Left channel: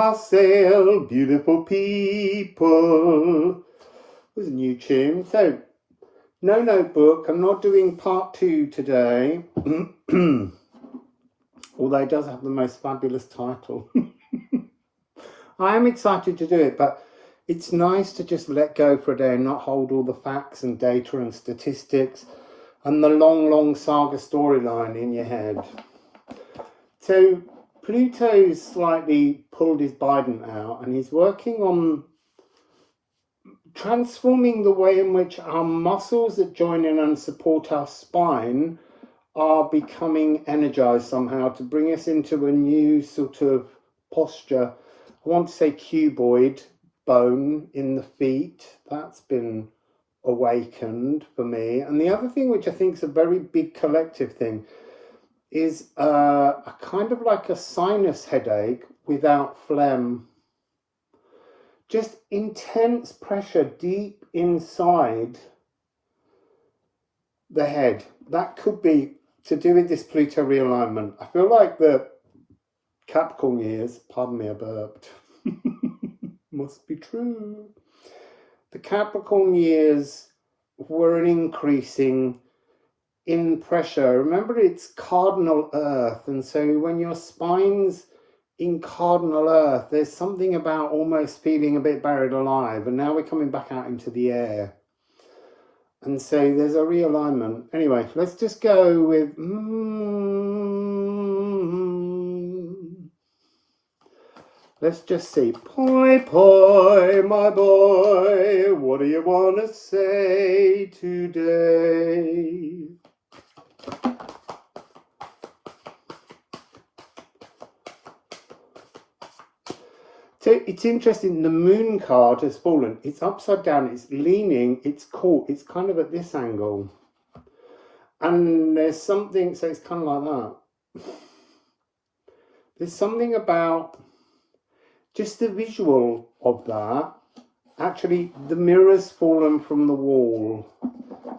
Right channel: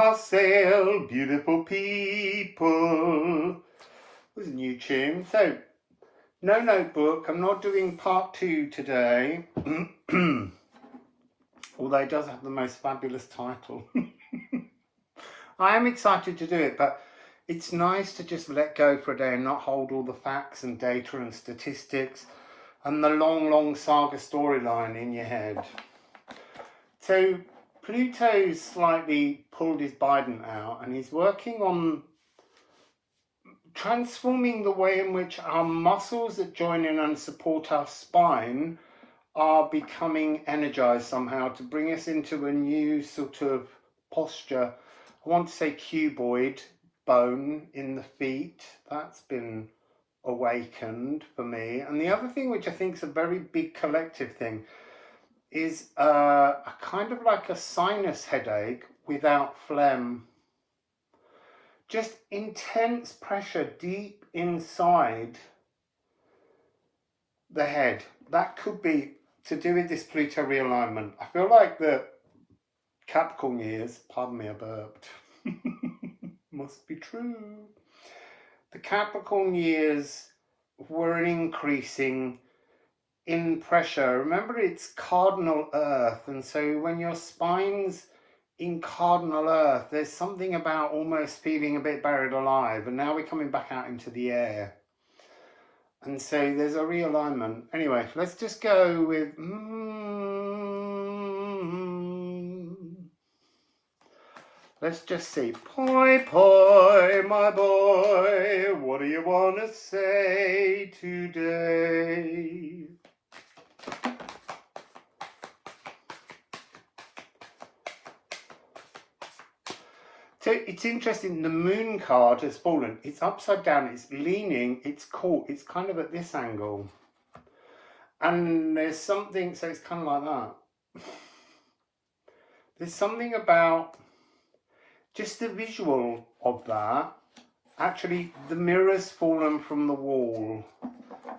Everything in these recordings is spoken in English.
Wassail, beautiful people. It was a new tune. So, no notebook. I'm not doing part 2 today. Although it does have the most fabulous title. I am excited to do it, but it's nice to just let go for a day and not hold all the facts and data and statistics and the long saga storyline in your head. So Pluto's slightly pulled his Biden out and he's working on transforming the way in which our muscles that join in and support our spine are becoming energized somehow to bring us into a new sort of posture. I want to say cuboid bone in the feet. That's been awakened for me. And the other thing, which I think is a very big collective thing, is a kind of like a sinus headache without phlegm. Just intense pressure deep inside the head. That could be to do with this Pluto realignment. I feel like the Capricorn years, pardon me, I burped. Must be true. The Capricorn years were an increasing in pressure. Remember, it's cardinal earth, and so when your spine's in cardinal earth, there's something about almost feeling a bit buried alive, and now we're coming back out into the air, and so there's a realignment. Anyway, let's just go with let's just see. Poi, my boy, what do you want to say today? So it's interesting, the moon card has fallen. It's upside down, it's leaning, it's caught, it's kind of at this angle. And there's something, so it's kind of like that. There's something about just the visual of that. Actually, the mirror's fallen from the wall.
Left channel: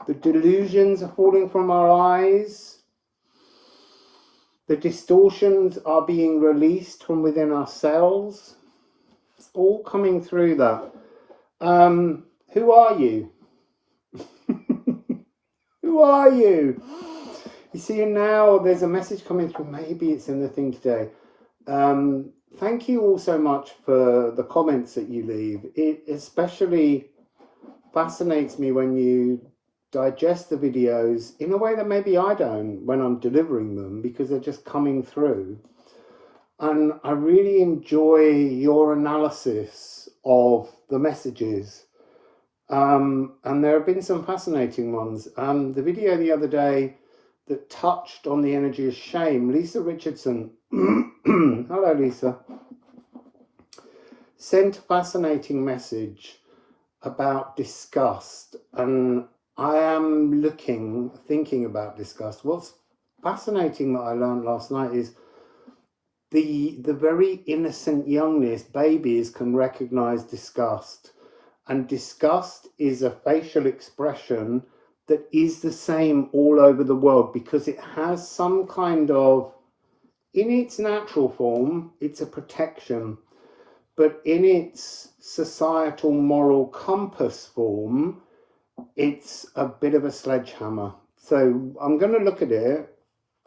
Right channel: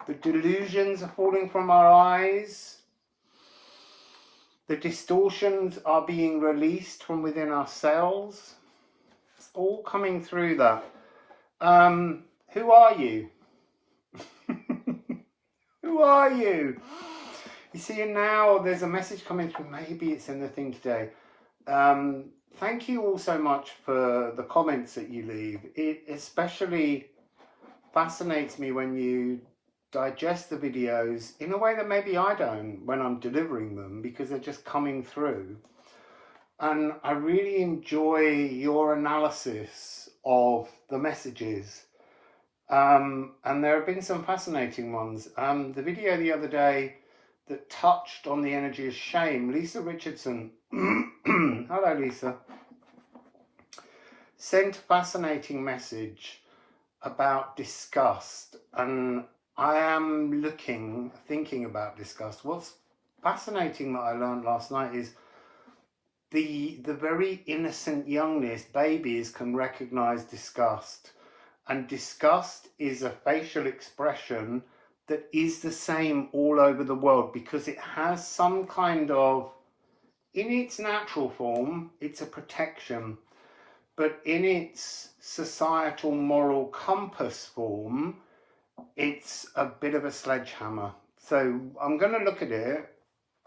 The delusions are falling from our eyes. The distortions are being released from within ourselves. It's all coming through that. Who are you? Who are you? You see, now there's a message coming through. Maybe it's in the thing today. Thank you all so much for the comments that you leave. It especially fascinates me when you digest the videos in a way that maybe I don't when I'm delivering them, because they're just coming through. And I really enjoy your analysis of the messages. And there have been some fascinating ones. The video the other day that touched on the energy of shame, Lisa Richardson, hello Lisa, sent a fascinating message about disgust. And I am thinking about disgust. What's fascinating that I learned last night is the very innocent youngness, babies can recognize disgust. And disgust is a facial expression that is the same all over the world, because it has some kind of, in its natural form, it's a protection, but in its societal moral compass form, it's a bit of a sledgehammer. So I'm going to look at it,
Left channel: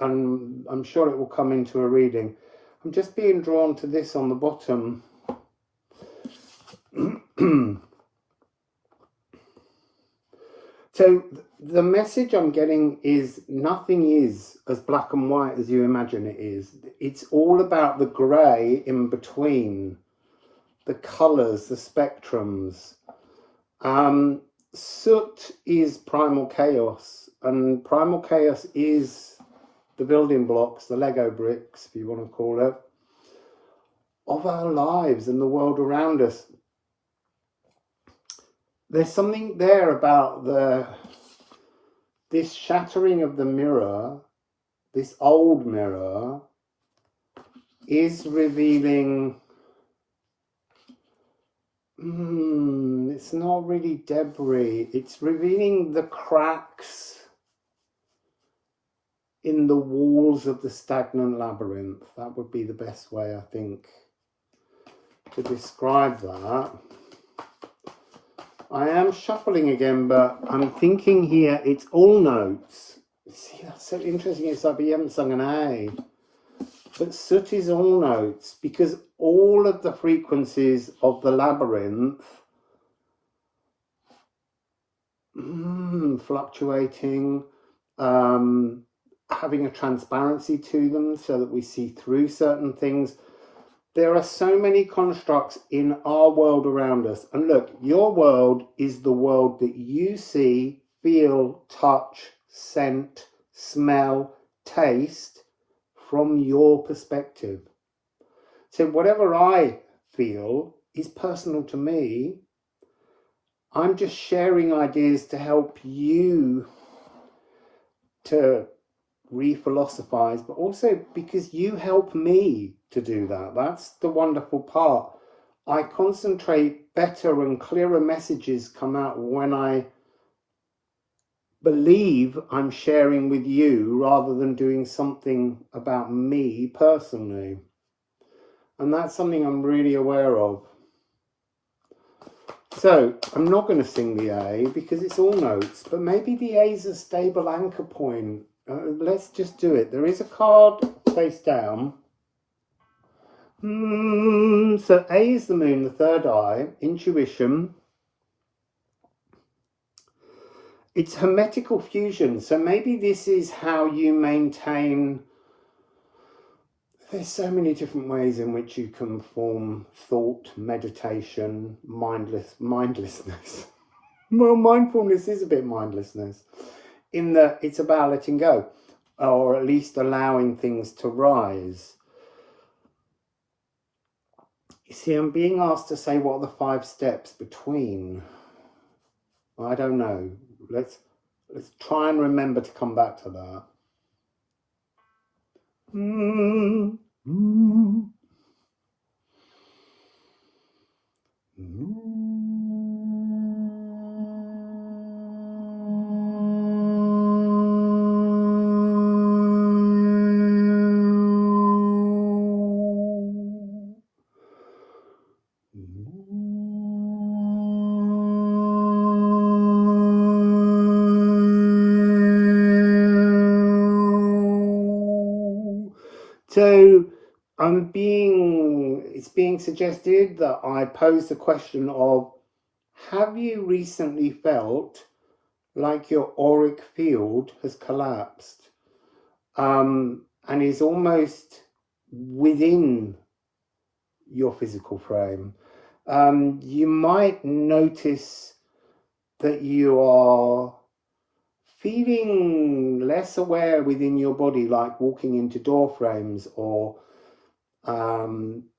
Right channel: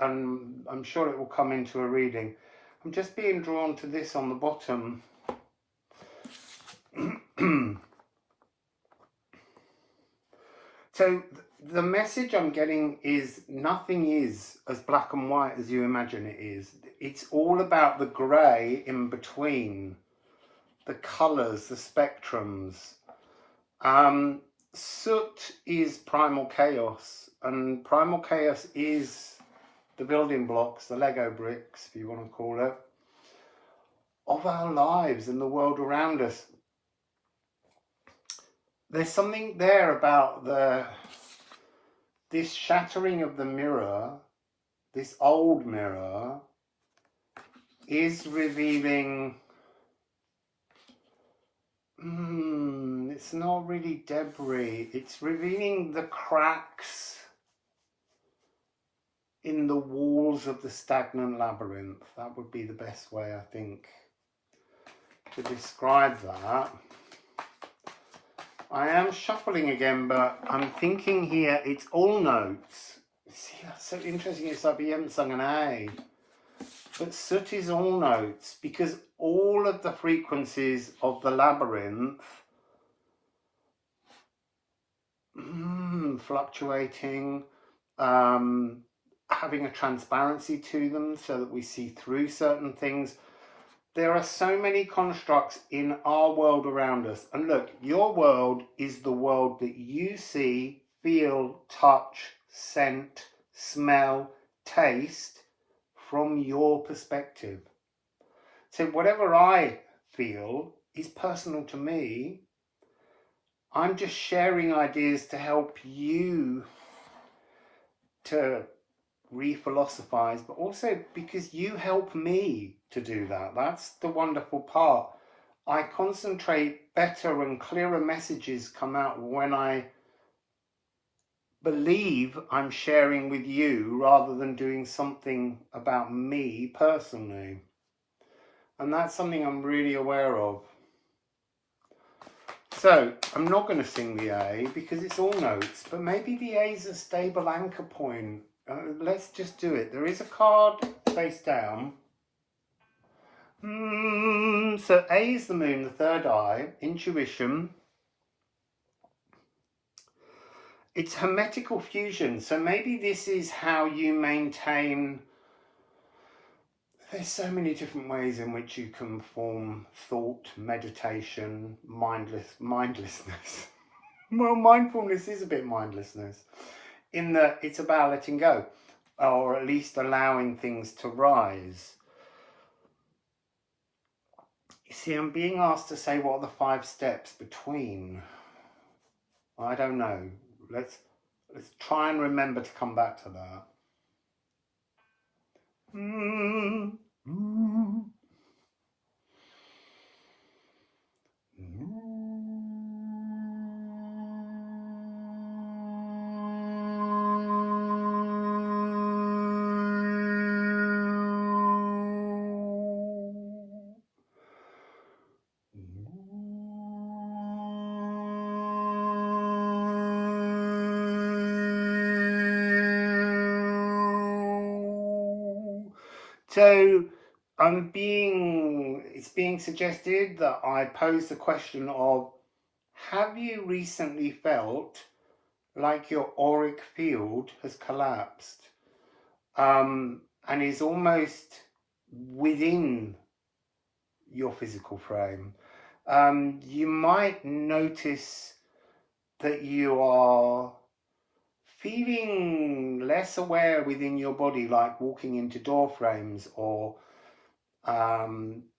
and I'm sure it will come into a reading. I'm just being drawn to this on the bottom. So the message I'm getting is nothing is as black and white as you imagine it is. It's all about the grey in between, the colours, the spectrums. Soot is primal chaos, and primal chaos is the building blocks, the Lego bricks, if you want to call it, of our lives and the world around us. There's something there about this shattering of the mirror, this old mirror, is revealing, it's not really debris, it's revealing the cracks in the walls of the stagnant labyrinth. That would be the best way, I think. to describe that. I am shuffling again, but I'm thinking here it's all notes. See, that's so interesting. It's like, but you haven't sung an A. But soot is all notes, because all of the frequencies of the labyrinth, fluctuating, having a transparency to them so that we see through certain things. There are so many constructs in our world around us. And look, your world is the world that you see, feel, touch, scent, smell, taste from your perspective. So whatever I feel is personal to me. I'm just sharing ideas to help you to re-philosophize, but also because you help me to do that. That's the wonderful part. I concentrate better and clearer messages come out when I believe I'm sharing with you rather than doing something about me personally. And that's something I'm really aware of. So I'm not going to sing the A because it's all notes, but maybe the A is a stable anchor point. Let's just do it. There is a card face down. So A is the moon, the third eye, intuition. It's hermetical fusion. So maybe this is how you maintain. There's so many different ways in which you can form thought, meditation, mindlessness. Well, mindfulness is a bit mindlessness, in that it's about letting go, or at least allowing things to rise. You see, I'm being asked to say what are the 5 steps between. I don't know. Let's try and remember to come back to that. So it's being suggested that I pose the question of, have you recently felt like your auric field has collapsed and is almost within your physical frame? You might notice that you are feeling less aware within your body, like walking into door frames or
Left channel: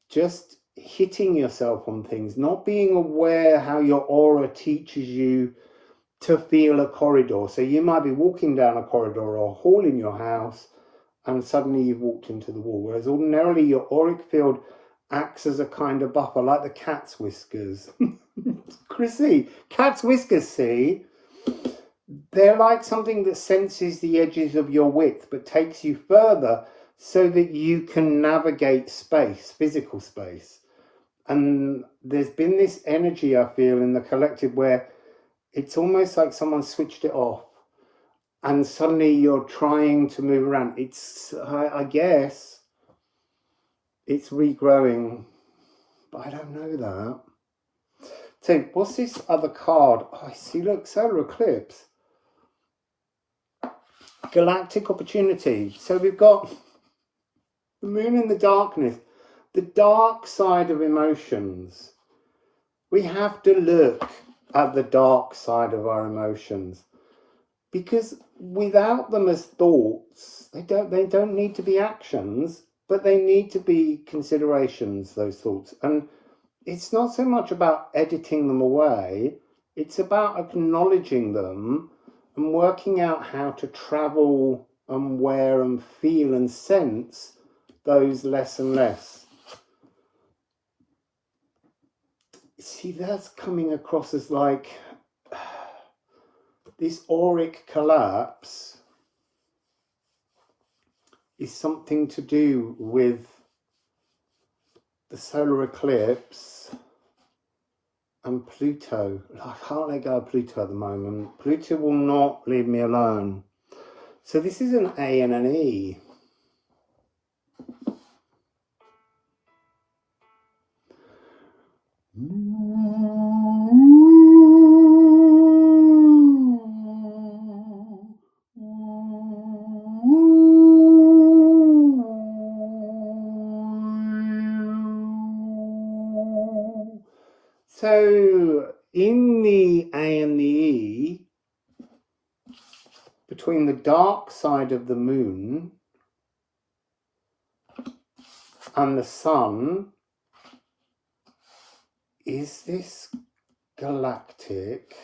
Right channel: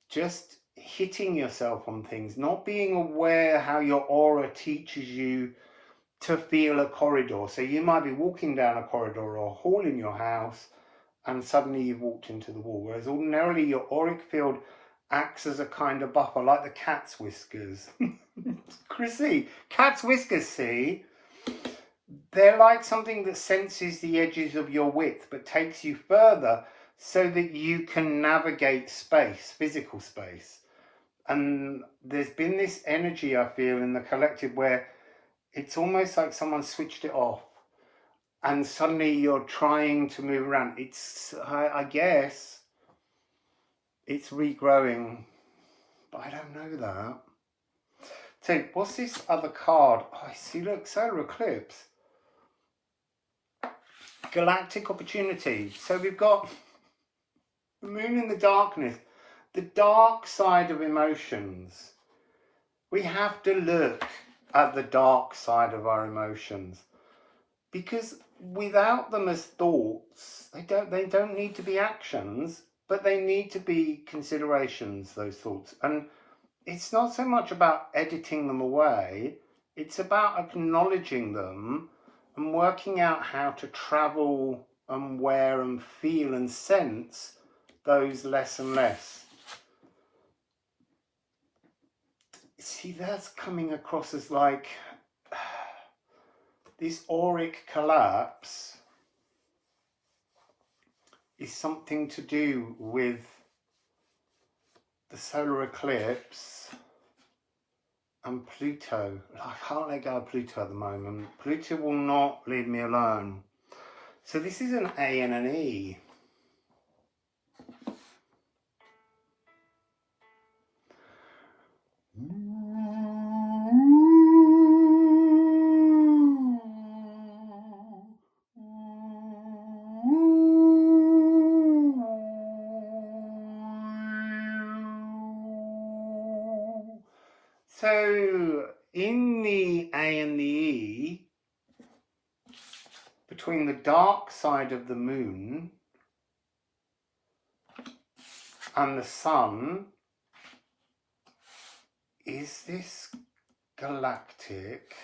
just hitting yourself on things, not being aware how your aura teaches you to feel a corridor. So you might be walking down a corridor or a hall in your house and suddenly you've walked into the wall, whereas ordinarily your auric field acts as a kind of buffer, like the cat's whiskers. Chrissy, cat's whiskers, see? They're like something that senses the edges of your width but takes you further so that you can navigate space, physical space. And there's been this energy I feel in the collective where it's almost like someone switched it off and suddenly you're trying to move around. It's, I guess, it's regrowing, but I don't know that. So what's this other card? Oh, I see, look, solar eclipse. Galactic opportunity. So we've got the moon in the darkness, the dark side of emotions. We have to look at the dark side of our emotions, because without them as thoughts, they don't need to be actions, but they need to be considerations, those thoughts. And it's not so much about editing them away, it's about acknowledging them and working out how to travel and wear and feel and sense those less and less. See, that's coming across as like this auric collapse is something to do with the solar eclipse and Pluto. I can't let go of Pluto at the moment. Pluto will not leave me alone. So this is an A and an E. So in the A and the E, between the dark side of the moon and the sun, is this galactic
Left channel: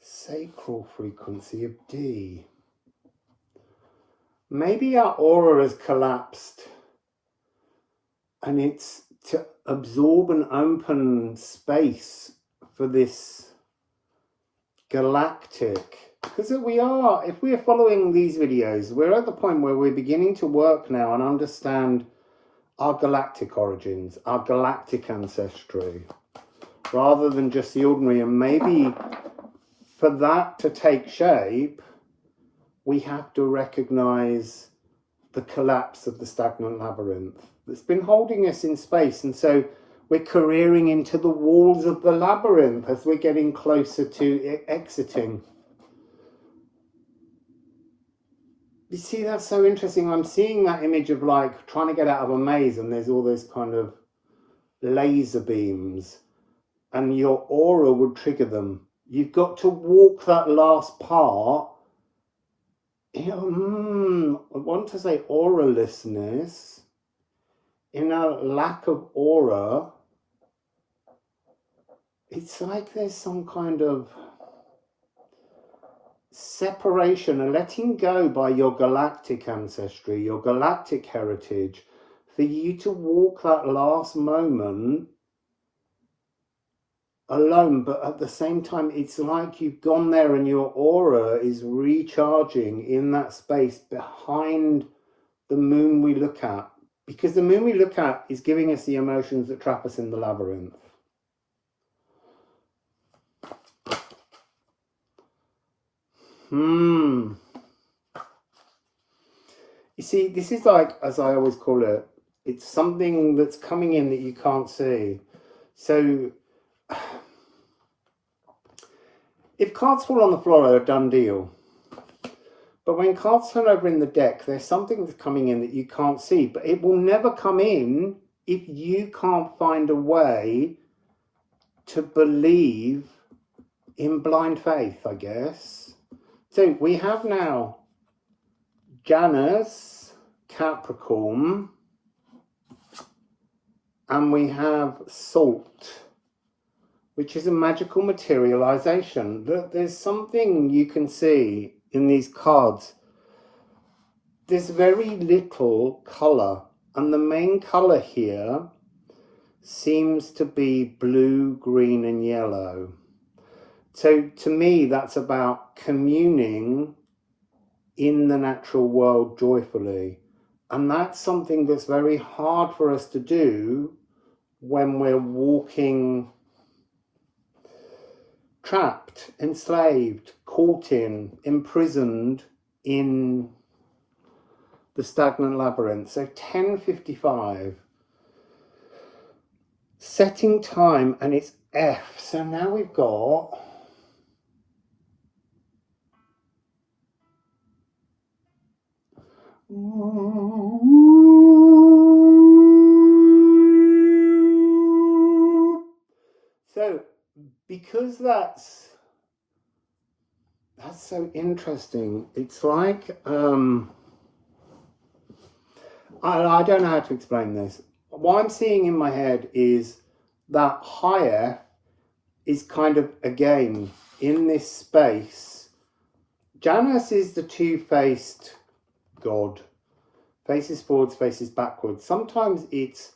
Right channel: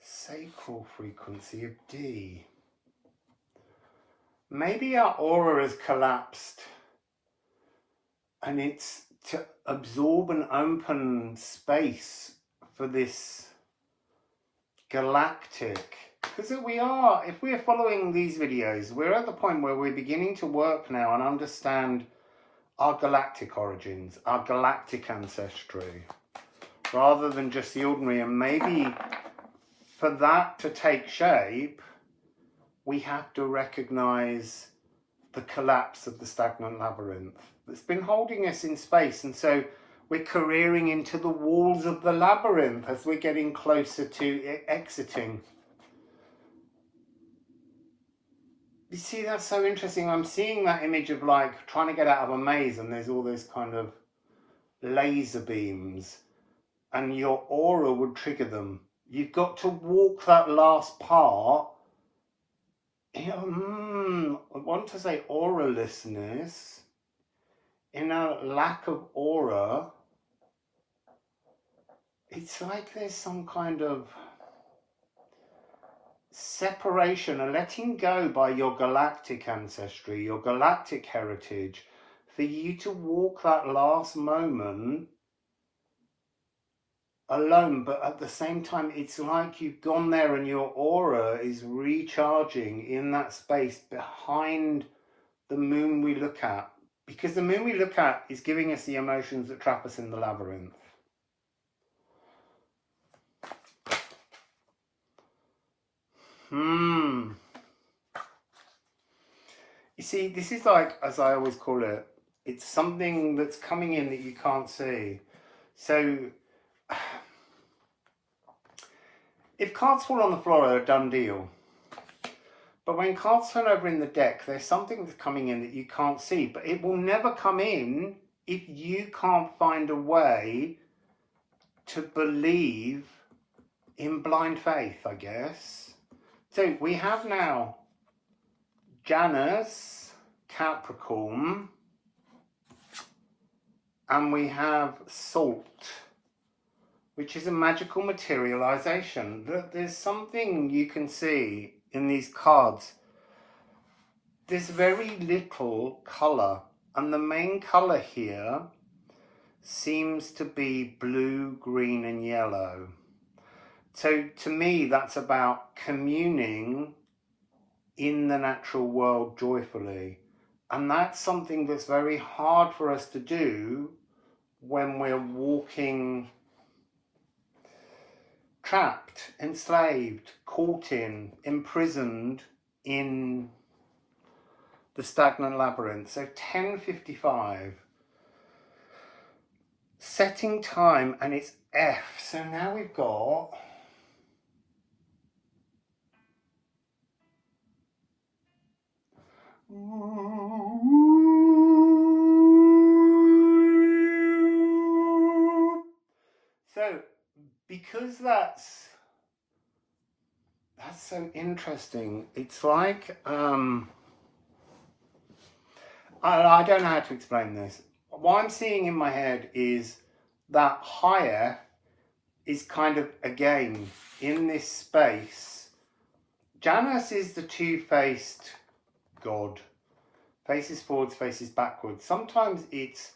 sacral frequency of D. Maybe our aura has collapsed and it's to absorb and open space for this galactic. Because if we are following these videos, we're at the point where we're beginning to work now and understand our galactic origins, our galactic ancestry, rather than just the ordinary. And maybe for that to take shape, we have to recognize the collapse of the stagnant labyrinth that's been holding us in space. And so we're careering into the walls of the labyrinth as we're getting closer to exiting. You see, that's so interesting. I'm seeing that image of like trying to get out of a maze and there's all those kind of laser beams and your aura would trigger them. You've got to walk that last part. I want to say auralessness. In a lack of aura, it's like there's some kind of separation, a letting go by your galactic ancestry, your galactic heritage, for you to walk that last moment alone. But at the same time, it's like you've gone there and your aura is recharging in that space behind the moon we look at, because the moon we look at is giving us the emotions that trap us in the labyrinth. You see, this is like, as I always call it, it's something that's coming in that you can't see. So if cards fall on the floor, they're a done deal. But when cards turn over in the deck, there's something that's coming in that you can't see. But it will never come in if you can't find a way to believe in blind faith, I guess. So we have now Janus, Capricorn, and we have Salt, which is a magical materialization. There's something you can see in these cards. There's very little colour, and the main colour here seems to be blue, green and yellow. So to me, that's about communing in the natural world joyfully. And that's something that's very hard for us to do when we're walking trapped, enslaved, caught in, imprisoned in the stagnant labyrinth. So 10:55. Setting time, and it's F. So now we've got so because that's so interesting. It's like I don't know how to explain this. What I'm seeing in my head is that higher is kind of, again, in this space. Janus is the two-faced god. Faces forwards, faces backwards. Sometimes it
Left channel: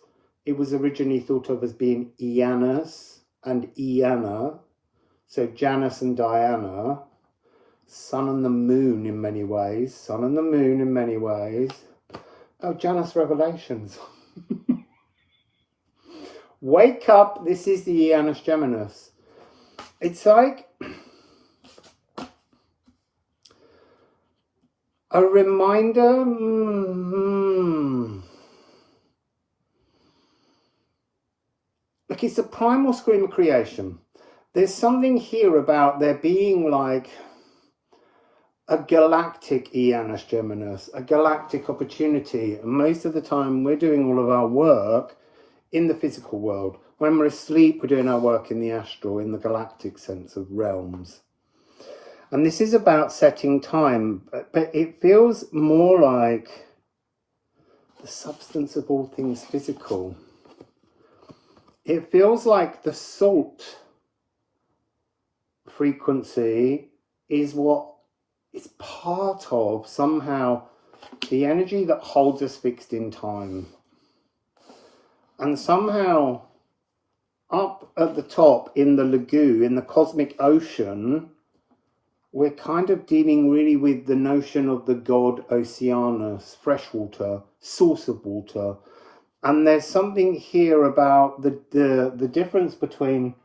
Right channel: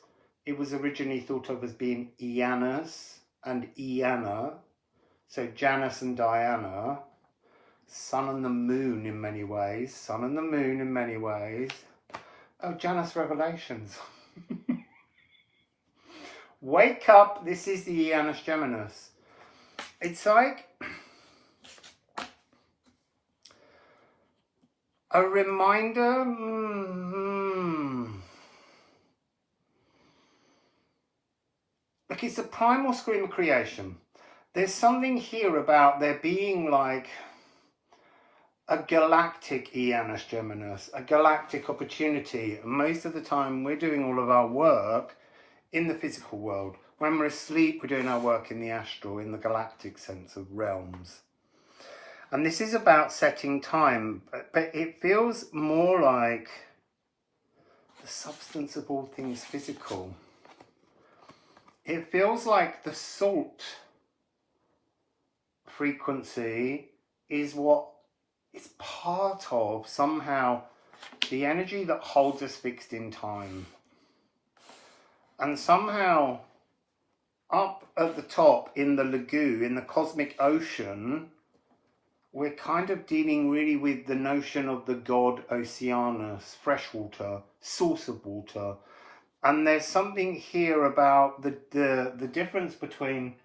was originally thought of as being Janus and Ædan. So Janus and Diana. Sun and the moon in many ways. Sun and the moon in many ways. Oh, Janus Revelations. Wake up, this is the Janus Geminus. It's like a reminder, like it's a primal scream of creation. There's something here about there being like a galactic Janus Geminus, a galactic opportunity. And most of the time we're doing all of our work in the physical world. When we're asleep, we're doing our work in the astral, in the galactic sense of realms. And this is about setting time, but it feels more like the substance of all things physical. It feels like the salt frequency is what is part of somehow the energy that holds us fixed in time. And somehow up at the top in the lagoon, in the cosmic ocean, we're kind of dealing really with the notion of the god Oceanus, freshwater, source of water. And there's something here about the difference between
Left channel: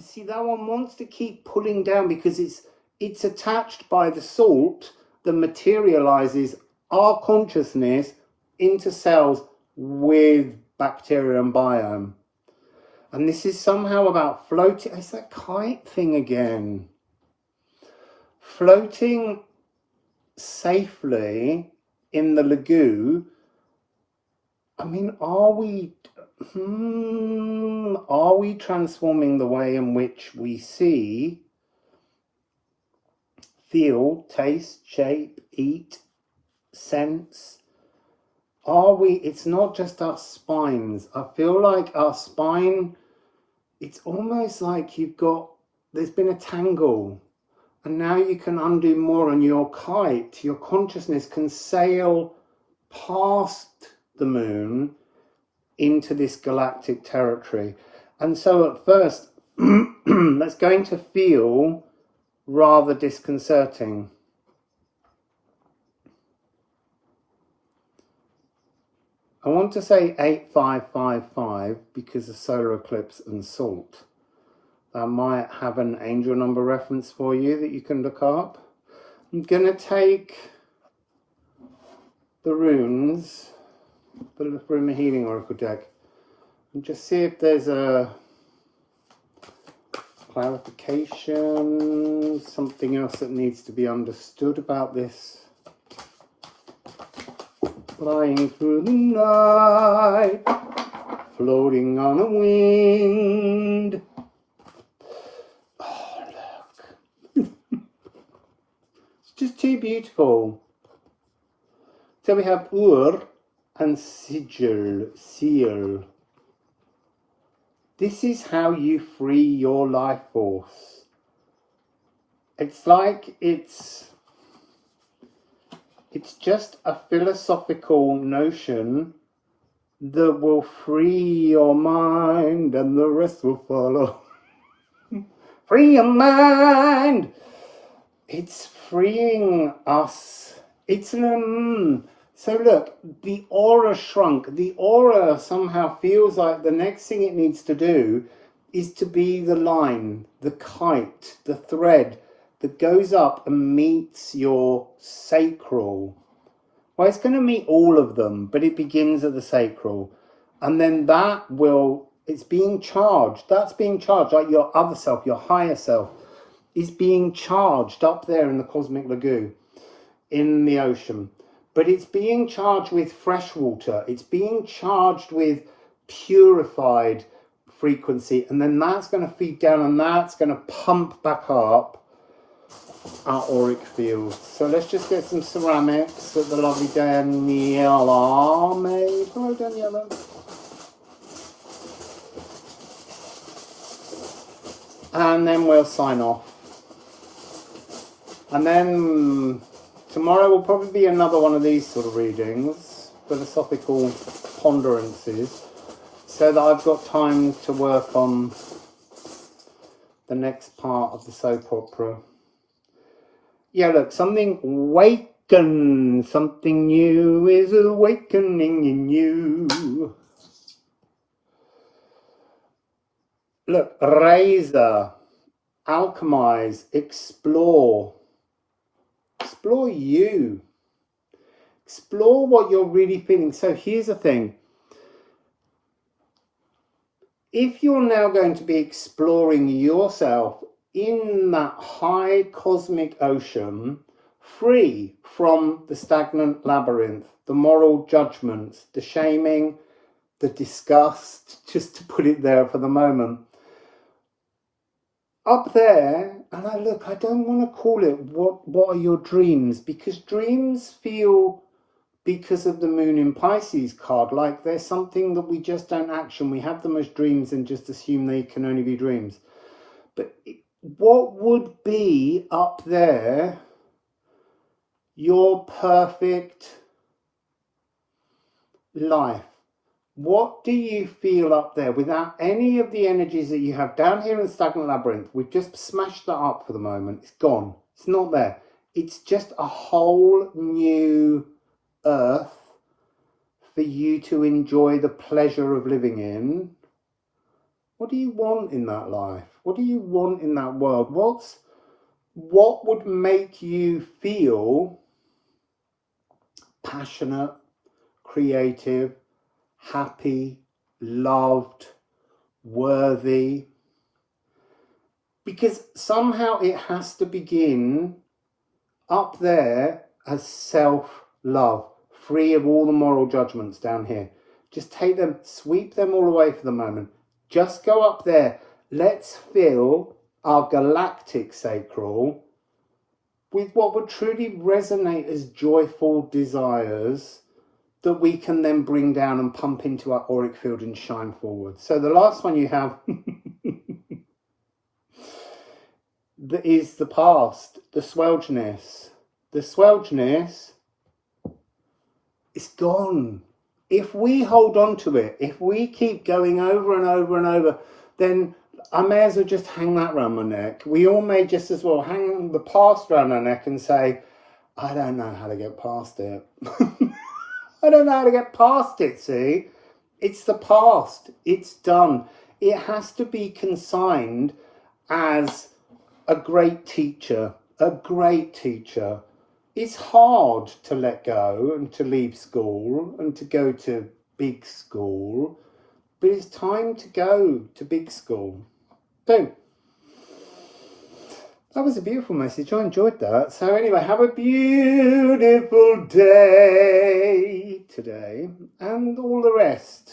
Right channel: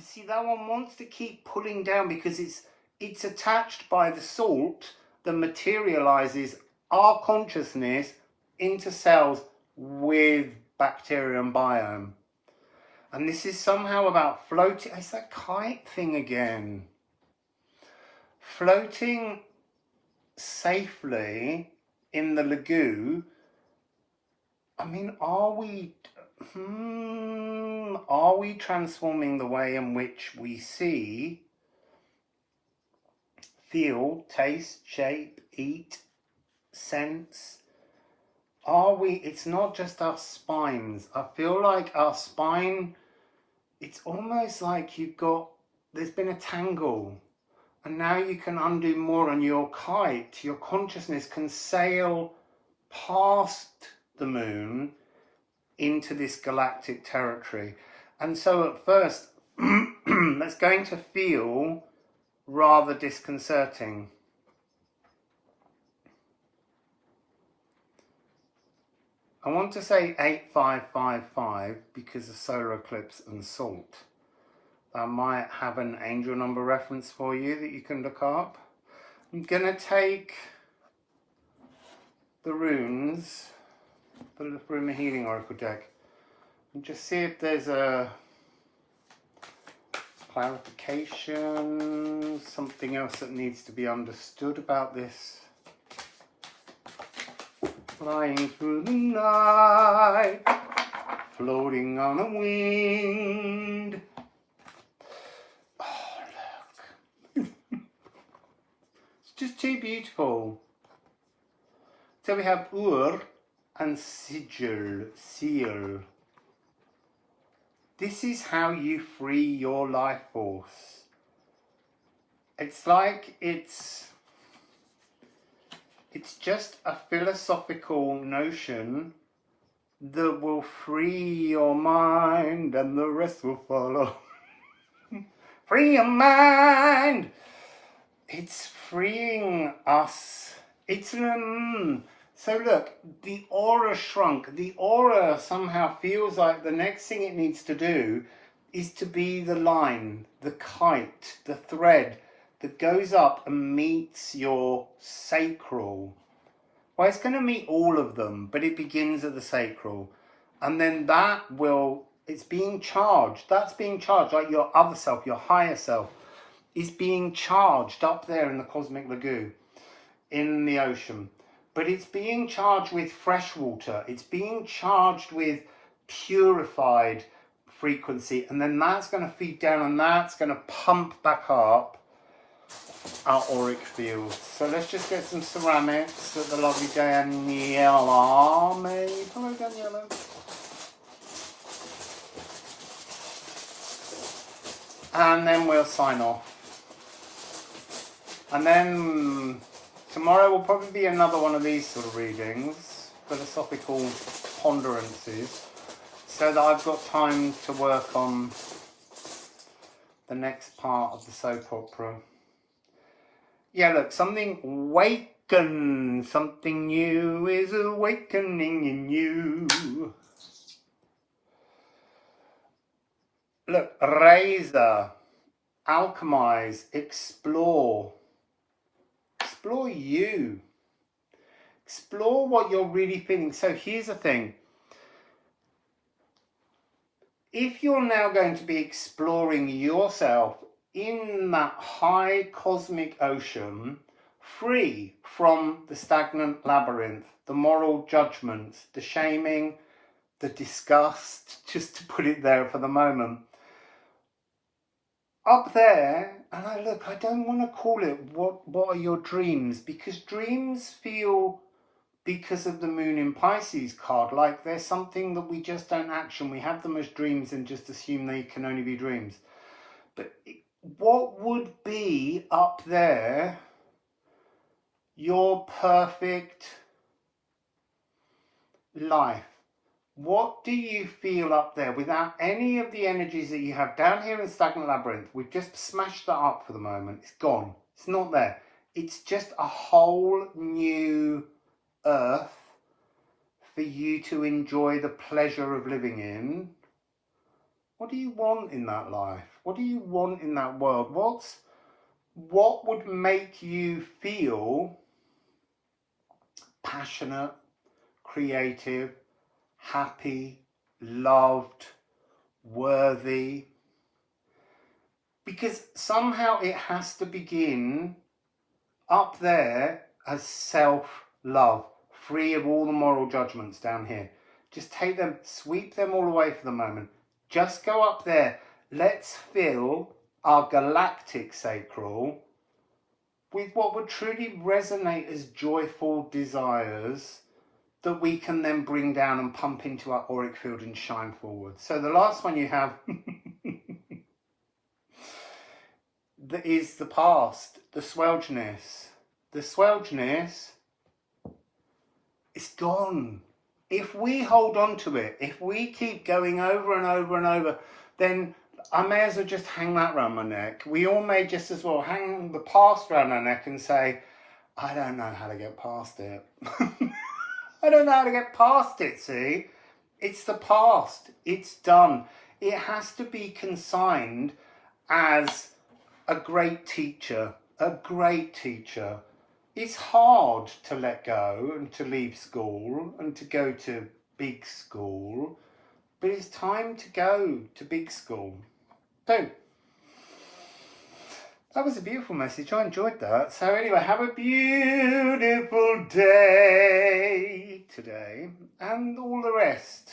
see, that one wants to keep pulling down because it's attached by the salt that materializes our consciousness into cells with bacteria and biome. And this is somehow about floating. It's that kite thing again. Floating safely in the lagoon. I mean, are we transforming the way in which we see, feel, taste, shape, eat, sense? Are we? It's not just our spines. I feel like our spine, it's almost like there's been a tangle, and now you can undo more, and your kite, your consciousness can sail past the moon into this galactic territory. And so at first, that's going to feel rather disconcerting. I want to say 8555 because of solar eclipse and salt. I might have an angel number reference for you that you can look up. I'm going to take the runes, the Liffruma Healing Oracle deck, and just see if there's a clarification, something else that needs to be understood about this. Flying through the night, floating on a wind. Oh, look. It's just too beautiful. So we have Ur and Sigil, Seal. This is how you free your life force. It's like it's just a philosophical notion that will free your mind and the rest will follow. Free your mind! It's freeing us. It's so look, the aura shrunk. The aura somehow feels like the next thing it needs to do is to be the line, the kite, the thread that goes up and meets your sacral. Well, it's going to meet all of them, but it begins at the sacral. And then it's being charged. That's being charged, like your other self, your higher self, is being charged up there in the cosmic lagoon, in the ocean. But it's being charged with fresh water. It's being charged with purified frequency. And then that's going to feed down and that's going to pump back up our auric field. So let's just get some ceramics that the lovely Daniela made. Hello, Daniela. And then we'll sign off. And then tomorrow will probably be another one of these sort of readings, philosophical ponderances, so that I've got time to work on the next part of the soap opera. Yeah, look, something awaken, something new is awakening in you. Look, razor, alchemize, explore. Explore you. Explore what you're really feeling. So here's the thing. If you're now going to be exploring yourself in that high cosmic ocean, free from the stagnant labyrinth, the moral judgments, the shaming, the disgust, just to put it there for the moment, up there, and I don't want to call it what are your dreams, because dreams feel, because of the moon in Pisces card, like there's something that we just don't action. We have them as dreams and just assume they can only be dreams. But what would be up there your perfect life? What do you feel up there without any of the energies that you have down here in Stagnant Labyrinth? We've just smashed that up for the moment. It's gone. It's not there. It's just a whole new earth for you to enjoy the pleasure of living in. What do you want in that life? What do you want in that world? What would make you feel passionate, creative, happy, loved, worthy? Because somehow it has to begin up there as self-love, free of all the moral judgments down here. Just take them, sweep them all away for the moment. Just go up there. Let's fill our galactic sacral with what would truly resonate as joyful desires that we can then bring down and pump into our auric field and shine forward. So the last one you have is the past, the swelgeness. The swelgeness is gone. If we hold on to it, if we keep going over and over and over, then I may as well just hang that around my neck. We all may just as well hang the past around our neck and say, I don't know how to get past it. I don't know how to get past it, see? It's the past. It's done. It has to be consigned as a great teacher. A great teacher. It's hard to let go and to leave school and to go to big school, but it's time to go to big school. So, that was a beautiful message. I enjoyed that. So anyway, have a beautiful day today and all the rest.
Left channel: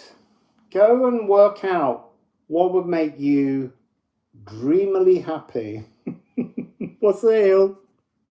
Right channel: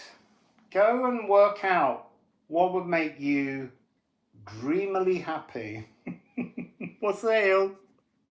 Go and work out what would make you dreamily happy. Wassail.